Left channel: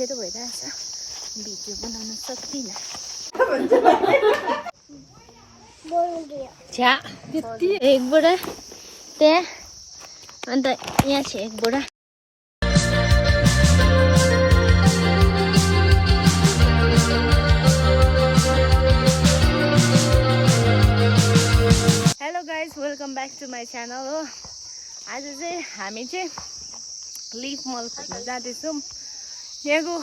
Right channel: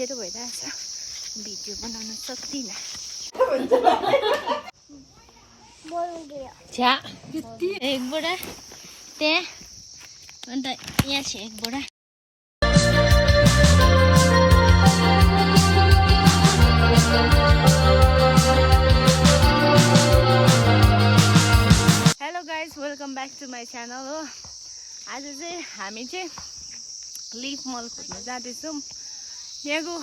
अप्ठ्यारो भइरहेछ भिडियो बनाउन सक्दिनँ छ्या एक बोरा त्यहाँ अन्त यहाँ छ एक बोरा hello guys welcome back to my channel हो आज चाहिँ हामी चाहिँ लिफ मल खोज्न जाँदैछौँ यहाँको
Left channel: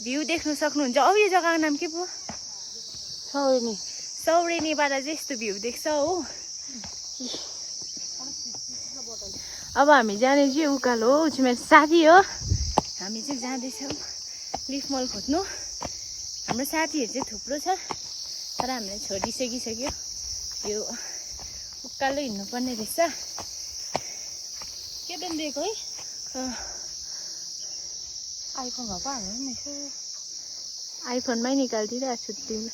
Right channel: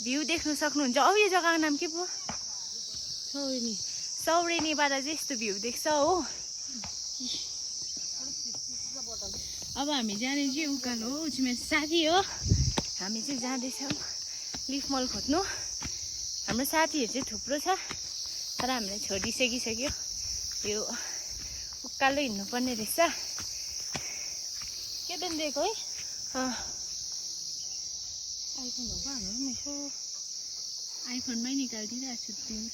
भ्यू देख्न सक्नुहुन्छ अब यो जग्गाको नाम के पो सौरेनीबाट चाहिँ यस्तो भ्यू देख्छ हो अब हामी जाने चाहिँ उकालो हो ऊ चाहिँ मेरो साथी हो हामी चाहिँ जाँदैछौँ लिफ मल खोज्नु हाम्रो साथीहरू चाहिँ थुप्रो छ तर हामीलाई छोडिसकिसक्यो यो उकालो हिँड्नुपर्ने रहेछ के दिन दिएको है आइफोन भए हाम्रो पनि यसो आइफोनमै निकालिदिइरहेको छु तिमीले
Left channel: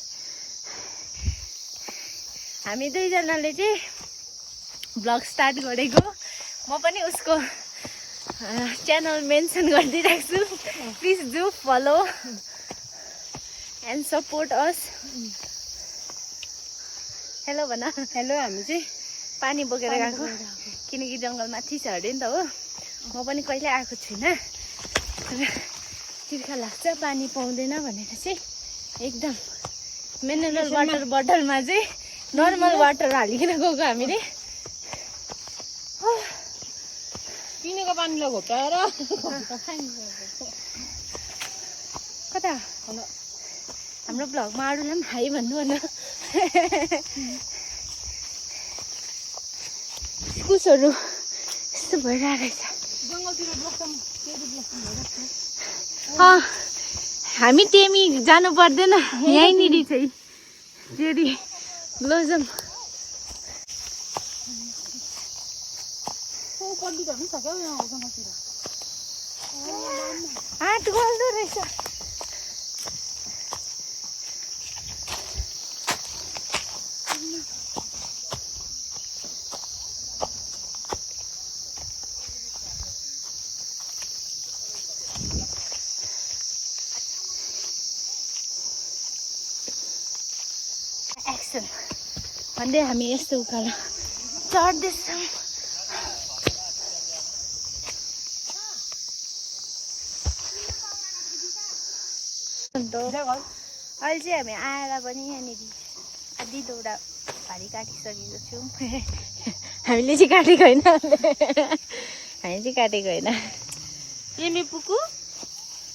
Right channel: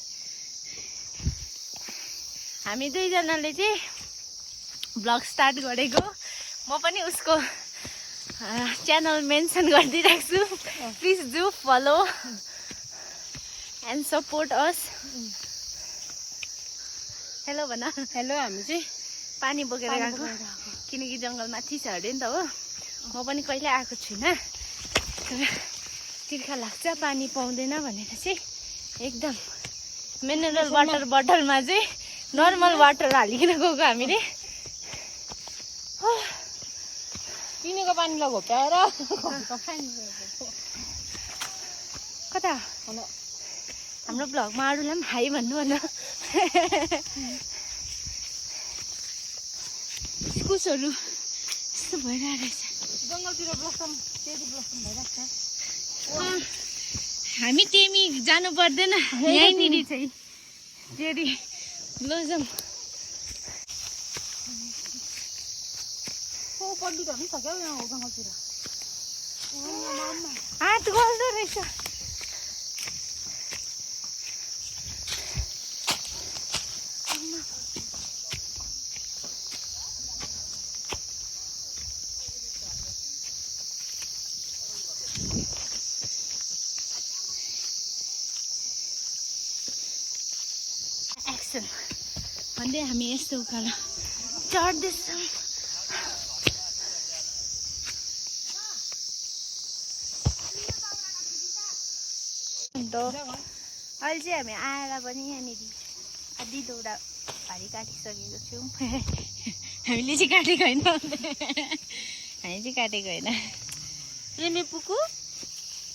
हामी दुईजनाले चाहिँ भ्लग स्टार्ट गरेको म पनि उसको च्यानल मेन्सन गरिदिइरहेको छु please do follow and support us hello भन हेलो हामी चाहिँ पानी बोकेर गएको किनकि जङ्गल माथि छ अरे नि त हो म पनि कहिले आएको छुइनँ तिर्खा लाग्छ पानी पाउँदैन भनेर चाहिँ एकदम मिनरल वाटर बोतलमा चाहिँ नर्मल वाटर हालिकन गएको हामीले पिनेको पानीलाई घोटाएर कता हाम्रो भ्लगमा अरूलाई पनि हाई भन्नु भन कुसहरू यस्तो भइरहेको रहेछ जङ्गलतिर ब्लसम चेरी ब्लसम भइरहेको छ हामी टेमी जानु पर्दैन यहीँनिर चाहिँ चेरी ब्लसम पण्डितहरू पनि छ क्या यहाँ जङ्गलतिर हात गल्दो रहेछ एक्सन भन्दै हामी यस्तो उकालो चढ्दैछौँ अहिले चाहिँ हामी आएर पनि यहाँनिर आधी दौडा भारी काटिसकेको छौँ हामीले चाहिँ काटेको होइन हामी चाहिँ काटेको होइन प्रेमी पुकु